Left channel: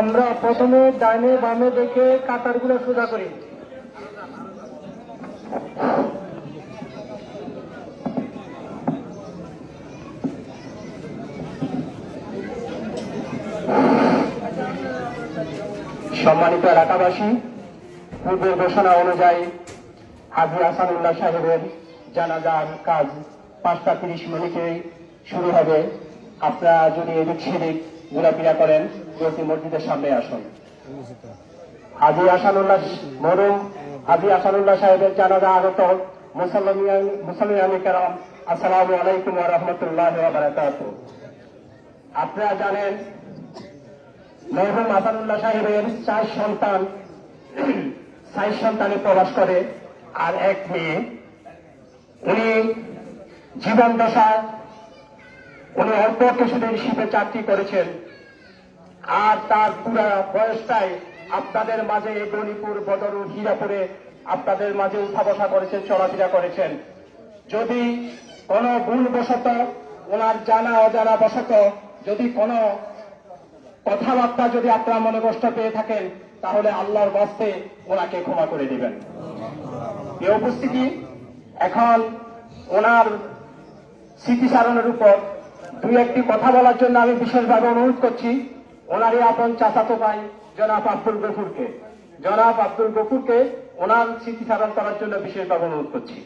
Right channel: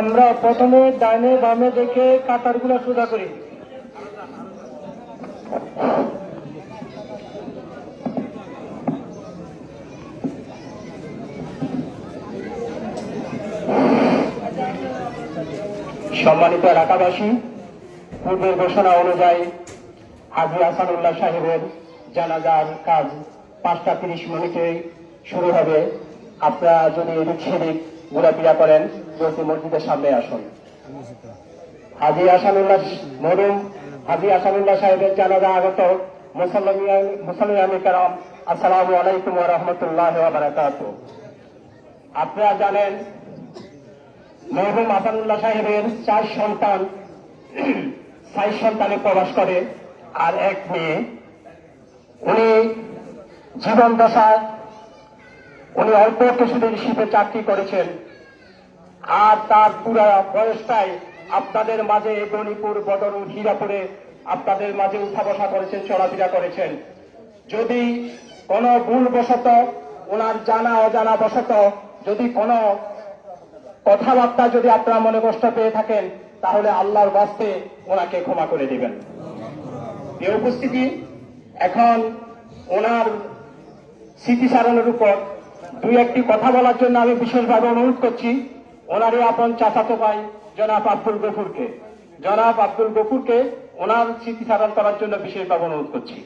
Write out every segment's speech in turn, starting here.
আমরা প্রথমে ডাইনে বামে দেখে কাতারগুলো সোজা করি। সম্মানিত এলাকাবাসী, পূর্বের ঘোষণা অনুযায়ী হাজী আহসানুল্লাহ সাহেবের জানাজার কাজ 5টা 30 মিনিটে শুরু হবে। আপনারা যদি এদিক সেদিক ঘোরাফেরা করেন, প্রতি মসজিদের সামনে আসুন। হাজী আহসানুল্লাহ সাহেবের জানাজা আগত মুসল্লিয়ান কেরাম, আসসালামু আলাইকুম ওয়া রাহমাতুল্লাহি ওয়া বারাকাতুহু। আপনারা জানেন মরহুম আহসানুল্লাহ সাহেবের 4 সন্তানে প্রবাস করে আর 1 মেয়ে। উনি জীবন দশায় উনি অল্প কিছুদিন শিপে চাকরি করেছেন, আর তার পুরা বয়সটাই আপনাদের মাঝে গণিপুর, বদরুল, হীরাপুরে আপনাদের মাঝে উঠা বসা করেছেন, চলাফেরা করেছেন। যদি কোনো ভুলবশত, ওনার জানা অজানা বশত যদি কোনো কথাবার্তা যদি আপনারা মনে কষ্ট পেয়ে থাকেন, তাহলে আল্লাহর বাস্তে ওনাকে ক্ষমা করে দিবেন। এই উপস্থিতি, এখন ওনার স্মৃতিচারণের উপর 2-1টি কথা বলার জন্য আমি বিশেষভাবে অনুরোধ করছি ওনারই আপন চাচাতো ভাই জনাব আব্দুল গফুরকে ওনার স্মৃতিচারণ করার জন্য বিশেষভাবে অনুরোধ করছি।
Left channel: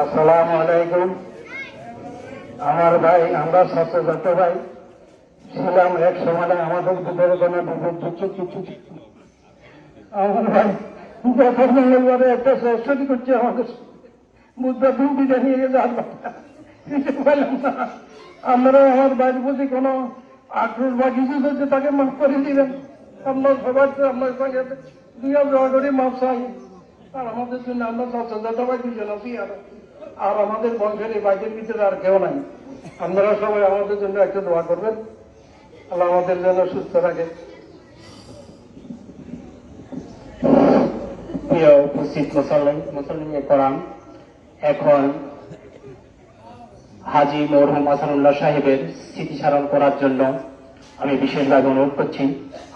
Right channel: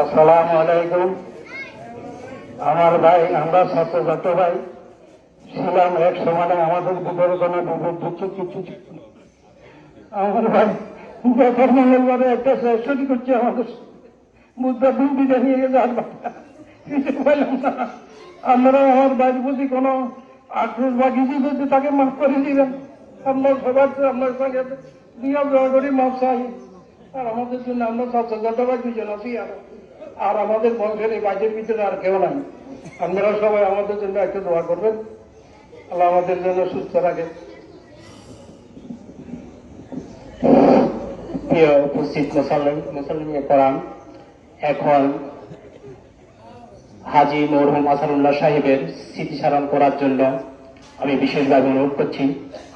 আসসালামু আলাইকুম। আমার ভাই, আমরা ছাত্র ভাই ছিলাম এক সময়, আমাদের ভিতরে কোনো বিভেদ কিছু ছিল না। আমার ভাই যখন মঙ্গলবারে একটা সেশন করছে, আমাদের বুধবার দিন বিদায় নিয়ে গেছে, আর পাইলাম না। আপনারা আমার ভাইয়ের প্রতি কোনো আক্রোশ বা কিছু হচ্ছে, তাকে মাফ করে দিবেন। আপনার সবার আপনার সঙ্গে দুইয়া জয় করে মাফ চাই। আর আমাদের জন্য আমরা ছাত্র ভাই 2জন আছি, আর আমাদের বংশের এই বাইরের ভিতরে আর কেউ নাই। আপনারা সবাই আমাদের জন্য একটু দোয়া করবেন, আল্লাহ আমাদের জন্য সুস্থ রাখে। প্রিয় উপস্থিত মুসল্লিয়ে কেরাম, এখন হাজী মরহুম আহসানুল্লাহ সাহেবের স্মৃতিচারণ করার জন্য আমি বিশেষভাবে অনুরোধ করছি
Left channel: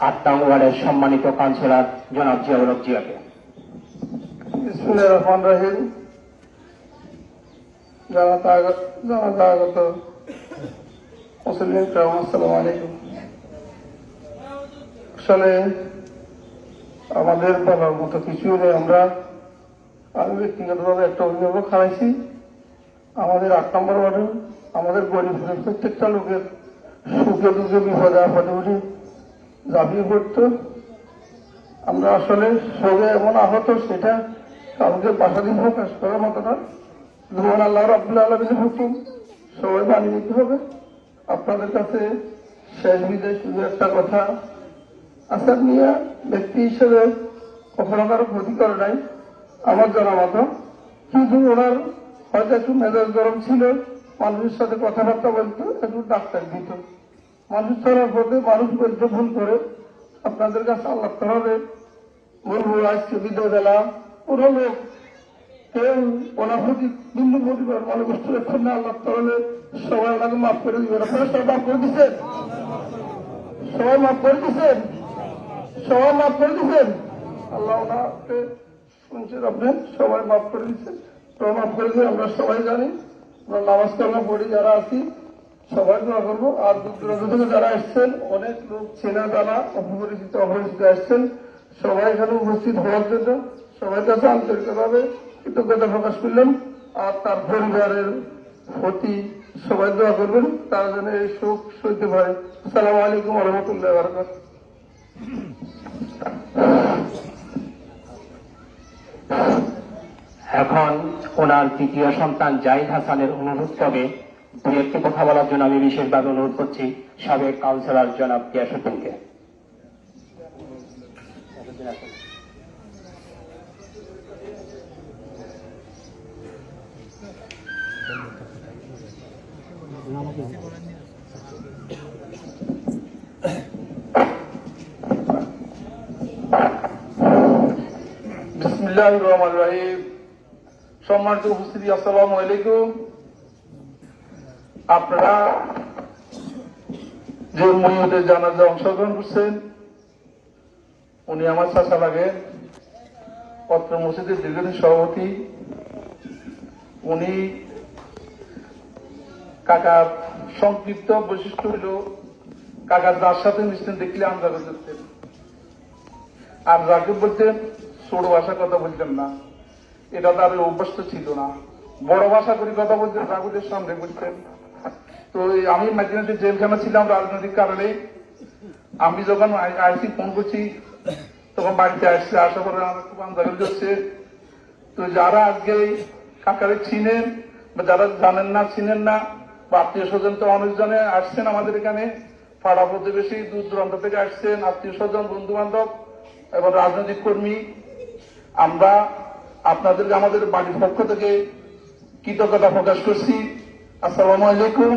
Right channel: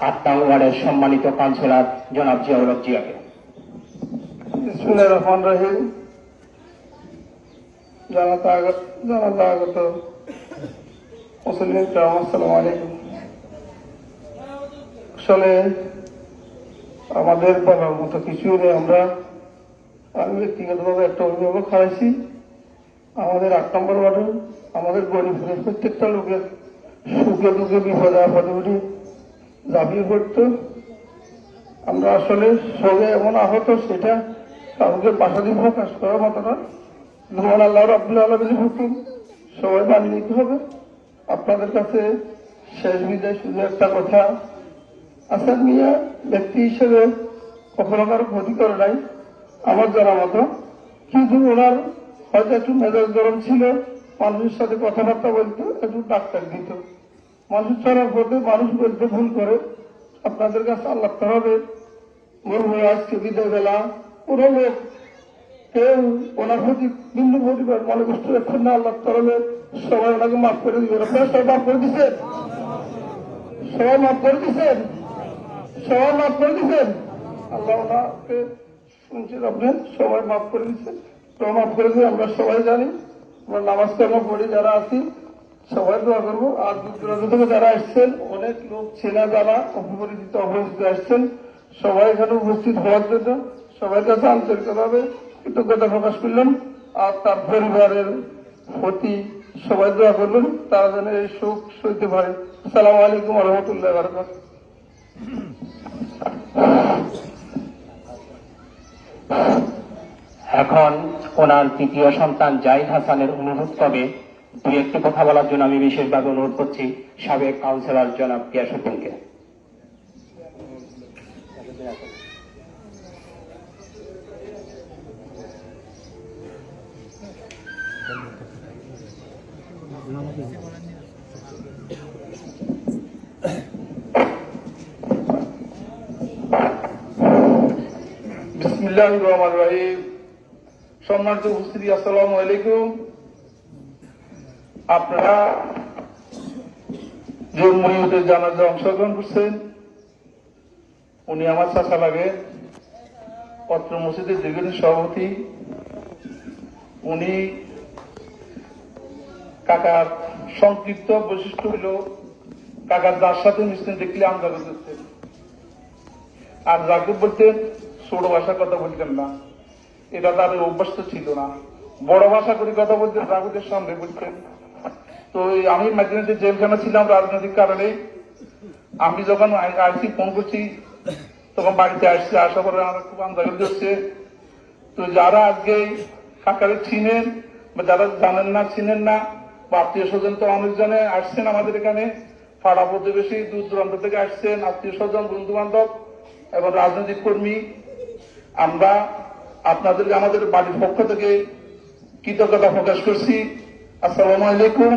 8 নং ওয়ার্ডের সম্মানিত কাউন্সিলর জনাব জিয়াউল হক জিয়াকে। বিসমিল্লাহির রহমানির রহিম। জানাজা আগত মুসলিম কেরাম, আসসালামু আলাইকুম। আসলে আমাদের বলার মতো কিছু নেই। আমি ব্যক্তিগতভাবে একটা অভিভাবক হারাইছি। আমাদের 8 নম্বর ওয়ার্ডে আমাদের গরিবের প্রত্যেকটা লোকের সুখে দুঃখে বিপদে আপদে উঠে ঝাঁপিয়ে পড়ত। আমরা আসলে সঙ্গে এমন আহত, সেটা কাউকে বাসা দিয়ে প্রকাশ করার মতো না। যেমন আল্লাহ রাব্বুল আলামিনের হুকুম সবাই মানিয়ে নিতে হবে। আপনাদের কাছে শেষ বিদায় শুধু একটা কথা, আসাদ মিয়া ব্যক্তি হিসেবে কখনো কারো ক্ষতি করে নাই আমার জানা মতো, কিন্তু ওনার হয়তো একটু মেজাজ গরম ছিল, মানুষের সাথে কথাবার্তা বলতো, একটু ডাক্তার দিত। মানুষ চলার পথে মানুষ বলতে ভুল করে। আপনাদের কাছে আল্লাহ হবে বলবো, আজকে বিদায় দিলাম। কোনো লোক কেউ ওনার প্রতি বিন্দু পরিবার মনে কষ্ট রাখছেন না, আল্লাহ তাহলে সবাই ওনাকে মাফ করে দিবেন। আপনারা সবাই মাফ করে দিচ্ছেন, সবাই মাফ করে দিচ্ছেন, সবাই মাফ করে দিচ্ছেন। আল্লাহ ওনাকে শুনছেন, আপনি সবাই মাফ করে দিচ্ছেন। তো মাফ করে দিয়ে আমরা সবাই জানি, আমরা নামাজ কালাম পড়ি যারা আছি সবাই দোয়া করবো। আর দূর থেকে যারা আসছেন, অনেক লোক চেনা জানা অপরিচিত আসছেন, সবাই এখানে উপস্থিত হওয়ার জন্য সবার কাছে আন্তরিকভাবে কৃতজ্ঞতা প্রকাশ করলেন। আর তার পরিবারের প্রতি সবাই দোয়া করবেন, তারা যেন এই শোক সইতে পারে। আসসালামু আলাইকুম ওয়া রাহমাতুল্লাহি ওয়া বারাকাতুহু। এখন ওনার 3য় সন্তান জাহিদ হাসানের অনুরোধ ক্রমে 2-1টি কথা বলার জন্য আমি বিশেষভাবে অনুরোধ করছি সাবেক কাউন্সিলর জনাব গিয়াসউদ্দিনকে। বিসমিল্লাহির রহমানির রহিম। সম্মানিত উপস্থিতি, আসসালামু আলাইকুম। আপনারা যে মইয়দের জানাজা অংশগ্রহণ করছেন, উনি আমার চাচা লাগে, অত্র মসজিদের দীর্ঘদিন সভাপতি। উনি কাকার সংক্ষিপ্ত বৈশিষ্ট্য হইল কাকার যার সাথে মিশতেন দেখলে আমরা করতেন, আর যাকে বলতেন ছোট ভাষা কথা বলতেন না, এটা তার অভ্যস্ত ছিল না। বড় ভাষা করে কথা বলতেন, জাগুদের সামনে বলতেন। তো আমি মাঝে জেলখানা ছিলাম রাজনৈতিক কারণে। আমি যখন আইসি ফোন করছি তখন বাড়িতে আসছে, আসার পরে আমার খুব আন্দোলন হচ্ছে। তো যারা আজকে কাকারে চিনেন বা যারা জানেন না, চিনেন না, বা আত্মীয় স্বজন তো অনেকজনে আসছেন আমাদের এখানে, পাড়া প্রতিবেশী দূর দূরান্ত থেকে আসছেন, আত্মীয় স্বজন, বন্ধু বান্ধব এবং রাজনৈতিক কর্মী। আমরা আপনাদেরকে আমাদের বাড়ির পক্ষ থেকে কৃতজ্ঞতা প্রকাশ করছি। আসসালামু আলাইকুম।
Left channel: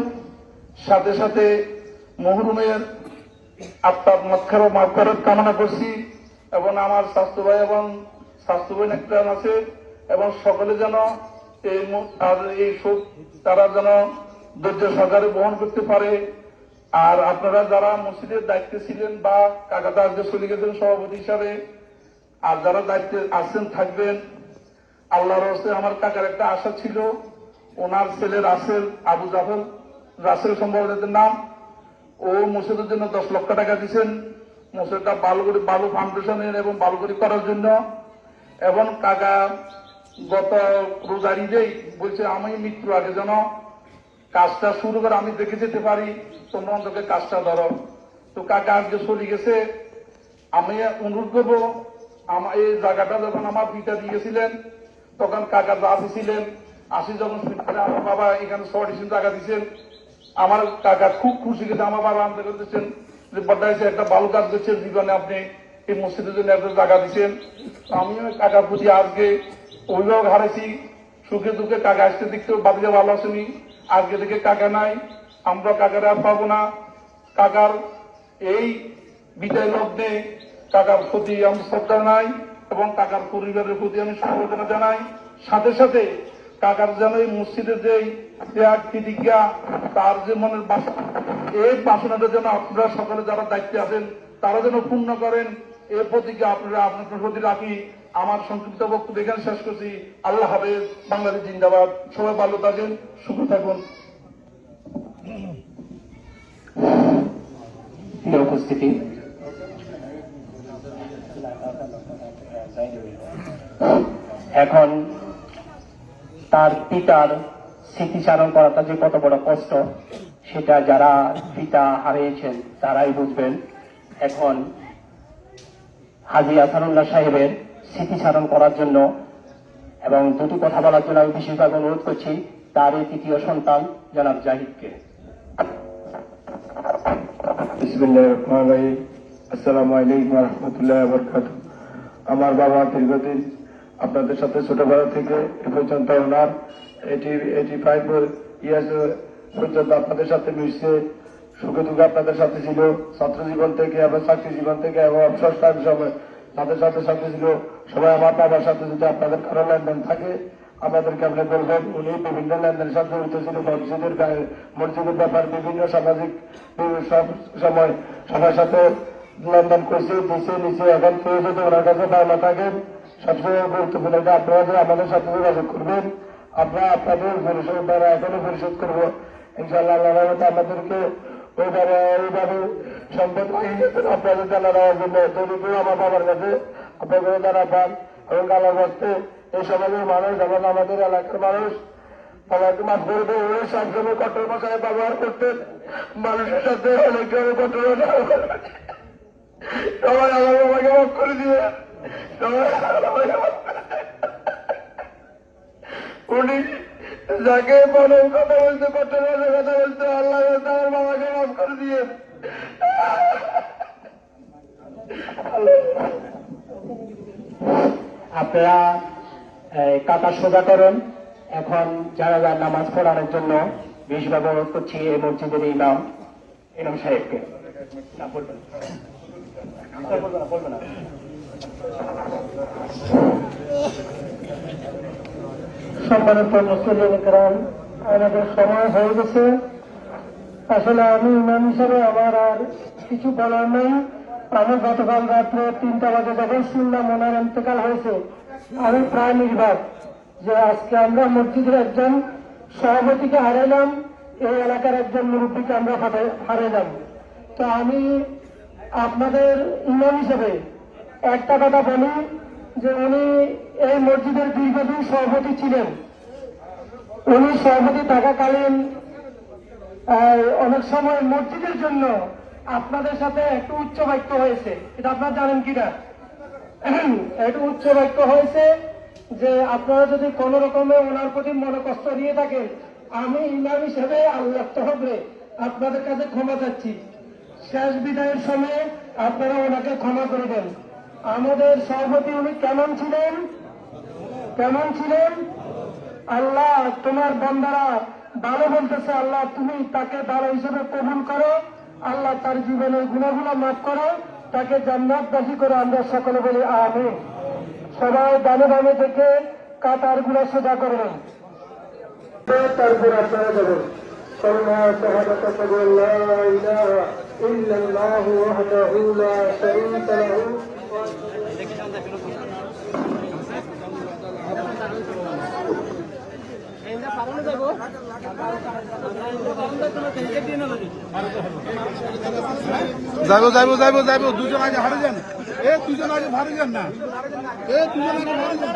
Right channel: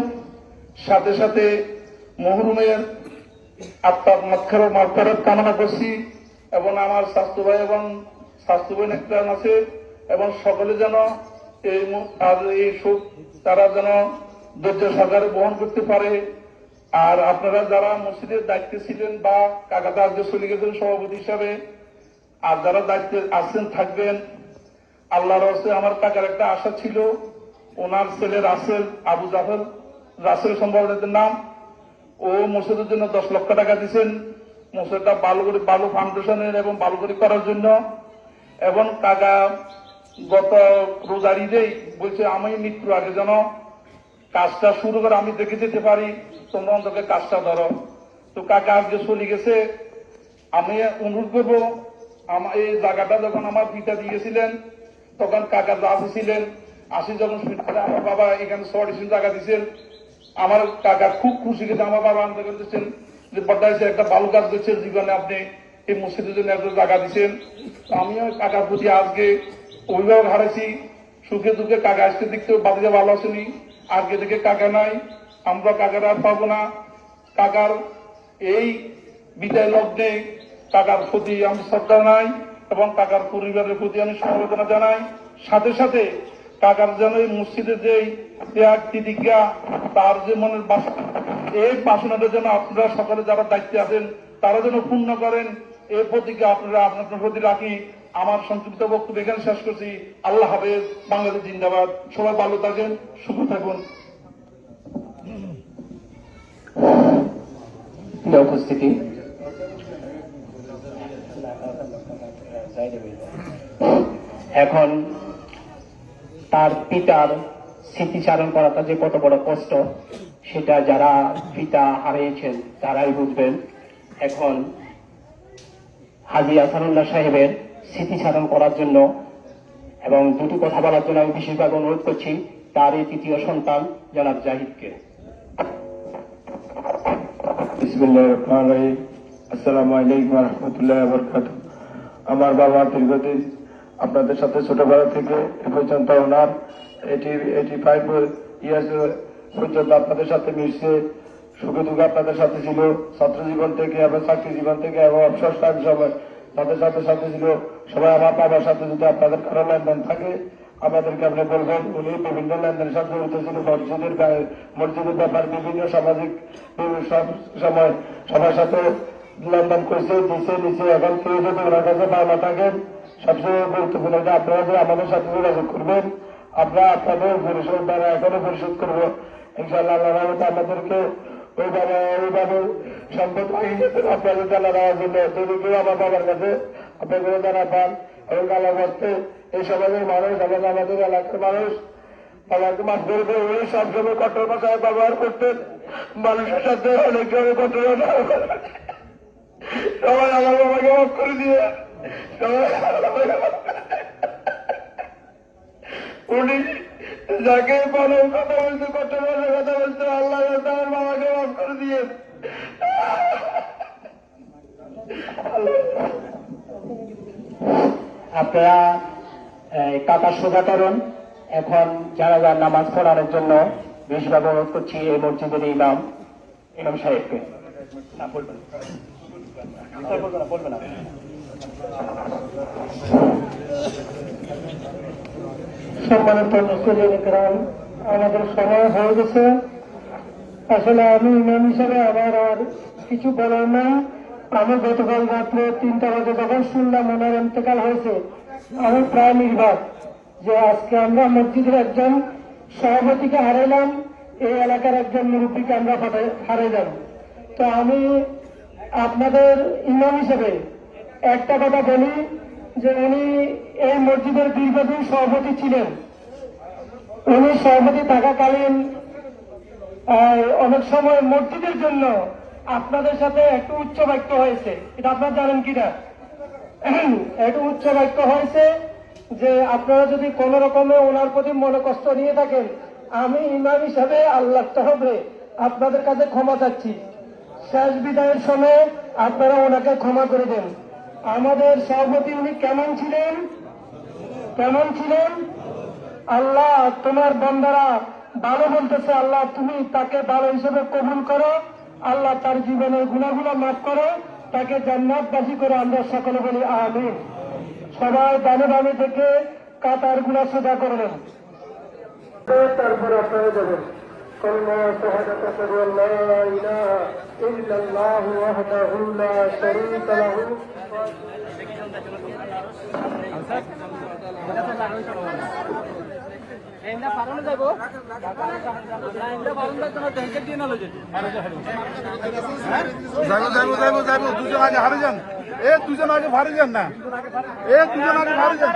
সাথে সাথে মহরুমের আত্মার মাগফিরাত কামনা করছি, এবং আমার স্বাস্থ্য ভাই এবং স্বাস্থ্য বোন একটা আছে, এবং সকলে যেন এই শোক তারা যেন ধৈর্য সহকারে বহন করতে পারে। আর আপনারা যারা মসজিদের দায়িত্বে ছিলেন বা কাকাতা আজকে চলে গেছেন সভাপতি হিসাবে, আর যারা দায়িত্বে আছেন থাকবেন, আল্লাহর হস্তে আমার কাকার একটা আশা ছিল, ওনার ছেলে রাসেল, আবু জাফর রাসেল সম্ভবত নাম, ও মসজিদের জন্য 10 লক্ষ টাকা দিচ্ছেন মসজিদটা বালু ফাউন্ডেশনের এবং বালু করে করার জন্য। এবং কাকা গত রোজার ঈদেই বলছে আমি মৃত্যুর আগে যেন কাজটা শুরু করে আমি দেখে যেতে পারি, তোমরা অন্তকে কাজটা ধরো। তো কাকা আজকে চলে গেছে। আমি অনুরোধ করবো, আমার এই জায়গাটা যখন আমার পিতা দিয়েছিলেন তখন কাকা যা ছিলেন, আসি যখন আমার বাবা এখানে 6 জায়গা দিচ্ছেন, আমার কাকা খুব খুশি গেছে। আমার বাবা আনতে করতেছেন যে বড্ডাইছে একটা ভালো কাজ করছেন জীবনে, আপনি এই মসজিদের জন্য এত জায়গা দিচ্ছেন। আমিও কাকার প্রতি আজকে অভিভাবক হারাইছি, সুখে দুঃখে কাকা আসতে দেখতেও বাদিকে ভালো আসেনি, আজকে থেকে কাকা নাই, আমরা কাকার আর পাবো না। কাকার এই বিদায় লগ্নে কাকার প্রতি আমি শ্রদ্ধা জানাই এবং কাকার পরিবারের প্রতি আমি সমবেদনা জানাই। সাথে সাথে কাকার যেন এই মসজিদের যে ত্যাগ প্রতিজ্ঞা, তার যে মনের বাসনা, এই বাসনাটা যেন আপনারা সকলে যারা দায়িত্বে আছেন তারা যেন পূর্ণ করেন, এই প্রতিজ্ঞা আপনারা আপনাদের প্রতি রাখি। আমার সংক্ষিপ্ত বক্তব্য এখানে শেষ করছি। আল্লাহ হাফেজ। বাংলাদেশ জিন্দাবাদ। সবাই ভালো থাকেন, সুখ থাকুন। উপস্থিতি এখন তার পিতার স্মৃতিচারণ করাটা যে কত বড় কষ্ট, সেটা যারা পিতা হারিয়েছেন তারাই বুঝবেন। এখন হাজী আসানুল্লাহ সাহেবের স্মৃতিচারণ করার জন্য এবং দুটি কথা বলার জন্য আমি বিশেষভাবে অনুরোধ করছি তার এই তৃতীয় সন্তান জনাব জাহিদকে। বিসমিল্লাহির রহমানির রহিম। আসসালামু আলাইকুম ওয়া রাহমাতুল্লাহি ওয়া বারাকাতুহু। আমার বাবা দীর্ঘদিন আপনাদের সাথে ছোটবেলা থেকে এ পর্যন্ত ওনার 85 ইয়ার্স পর্যন্ত আপনাদের সাথে মিশছে, সুখে দুঃখে আপনাদের সাথে ছিল, ছাত্র জীবন থেকে এবং চাকরি জীবন থেকে এবং অবসর সময় তাদের সাথে ছিল। সবাই আমার বাবার সাথে যদি আপনাদের কারো লেনদেন থাকে আমাদেরকে আপনি বলবেন। উনি বিভিন্ন লেনদেনের সাথে জড়িত ছিল, মসজিদের ব্যাপার, বিভিন্ন সামাজিক সব সময় সবার সাথে লেনদেন করছে, দিচ্ছে নিচে। এখন কেউ যদি ওনার কাছে পাওনা থাকেন, সবচেয়ে গুরুত্বপূর্ণ যে আপনারা যে আমাদের সাথে যোগাযোগ করবেন, আমরা আপনাদের পরিশোধ দ্বারা এখনো পরিশোধ করবো ইনশাআল্লাহ। আল্লাহ আমাদেরকে ওইভাবে সম্পদ আপনাদের জানা দেওয়ার জন্য। যদি কেউ আমার বাবার কাছে আপনাদের জানা পান এবং আল্লাহ করতে এই সমাজের মানুষ এবং আমাদের এলাকার মানুষ আমাকে মাফ করবে। উনি সবসময় কঠোর ভাষায় ব্যবহার করতেন, মানুষের সাথে অনেকভাবে কঠোর সবাই আমার বাবাকে মাফ করে দিয়ে উনি যাকে বলো কথা বলতে, কঠোর ভাষায় কথা বলতে, আল্লাহ তার বাবাকে মাফ করে দিয়ে আপনারা কাকা সোজা করুন। এখন যারা যারা নামাজ পড়ানোর জন্য বেশিরভাগ অনুরোধ করছি এই মসজিদের ইমাম সাহেবকে। সম্মানিত মুসলিম, আমাদের সময় হয়ে গেছে। আসলে আমি ইমাম হিসাবে আমার আর কিছু বলার নেই। আমি গতকাল রাত্রে 3টা বাজে যখন শুনলাম ওনার ইন্তেকাল হয়েছে, আমি প্রায় নির্বাক যে আজকে আমরা মসজিদের একজন সভাপতিকে হারাইলাম, এই এলাকার একজন মুরব্বীকে আমরা হারাইলাম। তো আমি আপনাদের ইমাম হিসেবে একটা কথা বলি যে উনি এই মসজিদের দীর্ঘদিন সভাপতি ছিলেন। উনি সভাপতি থাকাকালীন অনেক সময় মসজিদের জন্য আপনাদের সাথে একটু উচ্চ বাক্য হয়েছে, এটা আপনারা জানেন কিনা? একটু উচ্চ বাক্য হয়েছে যে আপনারা যদি কোন রকমে ওনার প্রতি মনোকষ্ট নিয়ে থাকেন, আমি ইমাম হিসেবে আল্লাহ তহবে আপনাদের কাছে ক্ষমা চাচ্ছি। শেষ বিদায়ের সময় আপনারা ওনাকে ক্ষমা করে দেন। আমাদের সভাপতি উনি কেমন ছিলেন? আল্লাহ তোমার বান্দারা ভালো বলতেছে, আল্লাহ তুমি তাকে ভালো হিসেবে কবুল করো, আল্লাহ তার জীবনের গুনাহগুলো মাফ করো, তাকে জান্নাতবাসী করো। আমরা সকলে বলি আমিন। সবাই দানে দানে থেকে কাতার গুলা সোজা করবেন, তারপরে চলে যাবেন। كلمة شهادة أن لا إله إلا الله وحده لا شريك له যাবো দুজন আগে হারে যান, দুজন আগে ভারে যান না, দুজন আগে ভারে যান।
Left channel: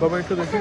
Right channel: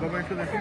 বাবা একটু দেখি।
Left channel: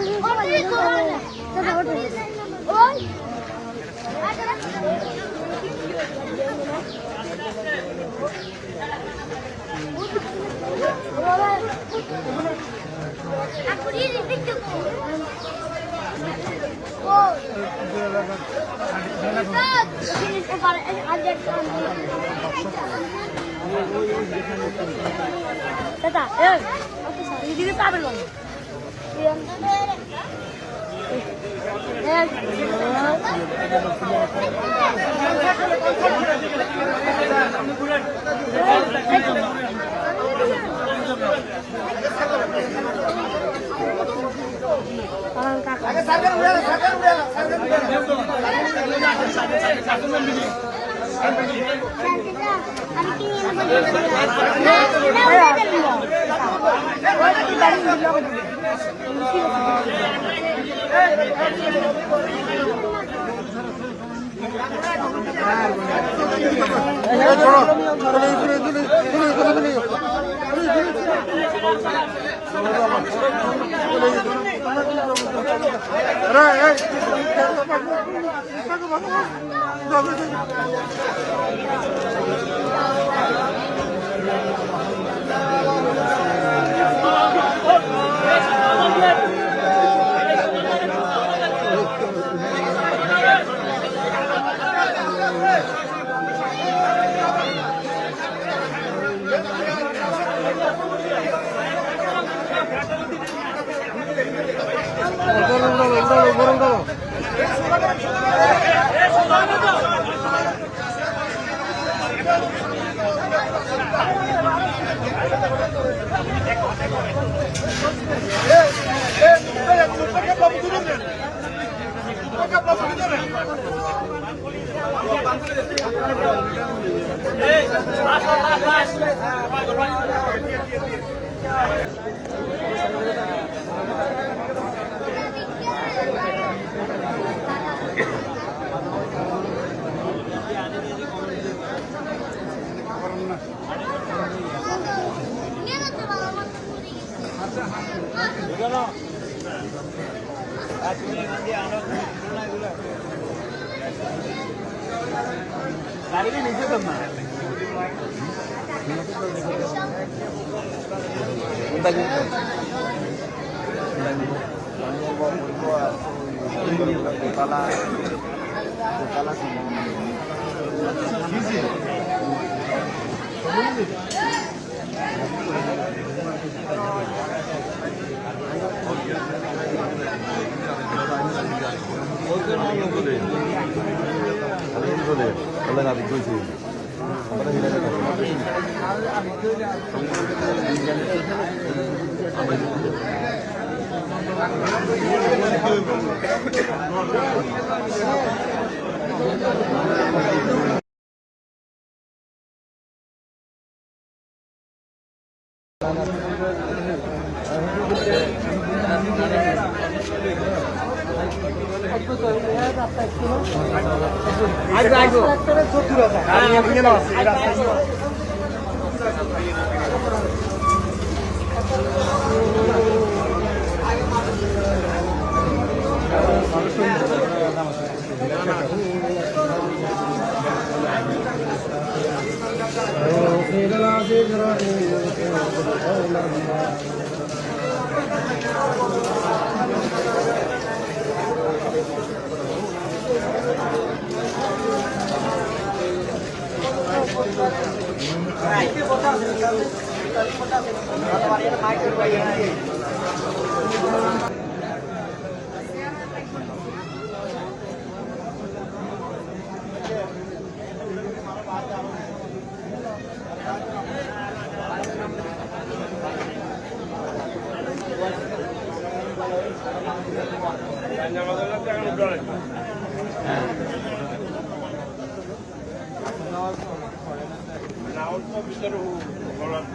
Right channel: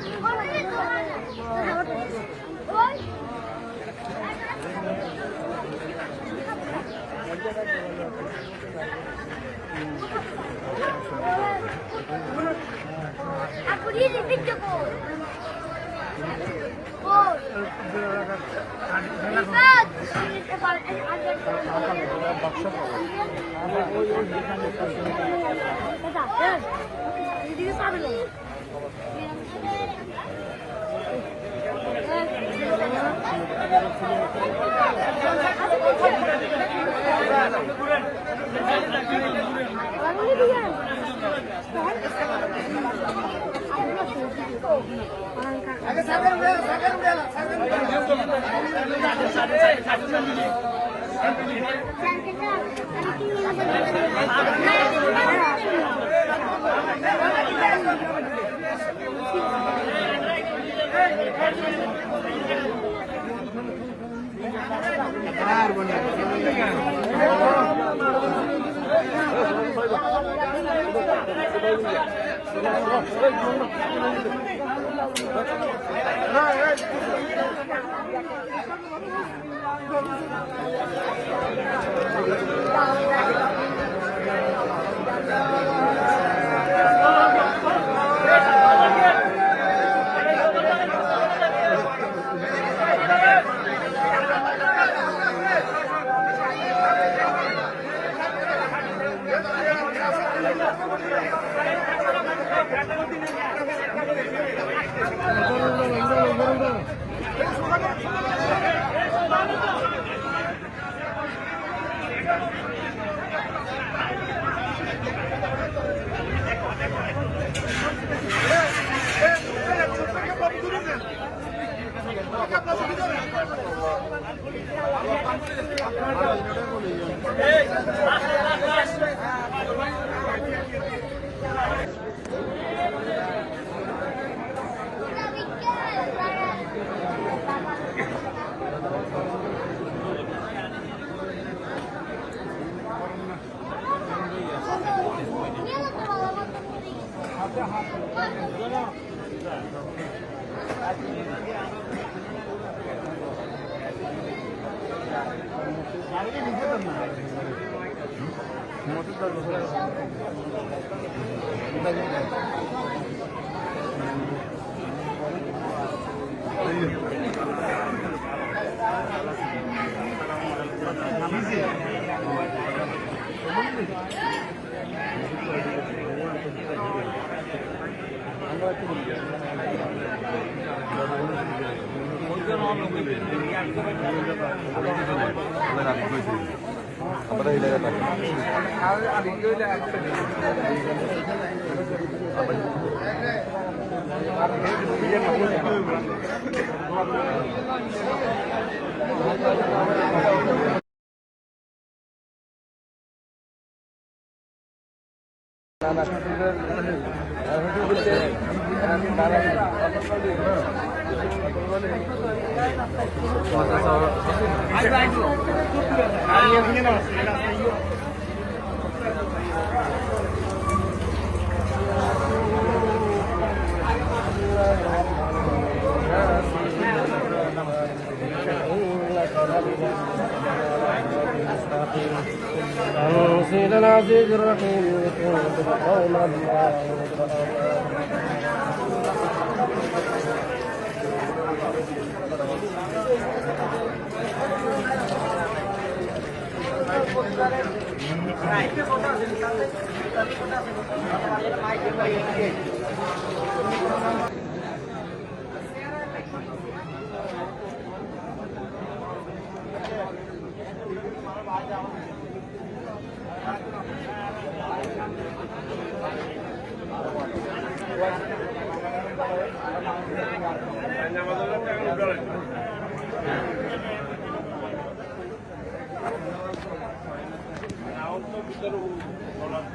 Now,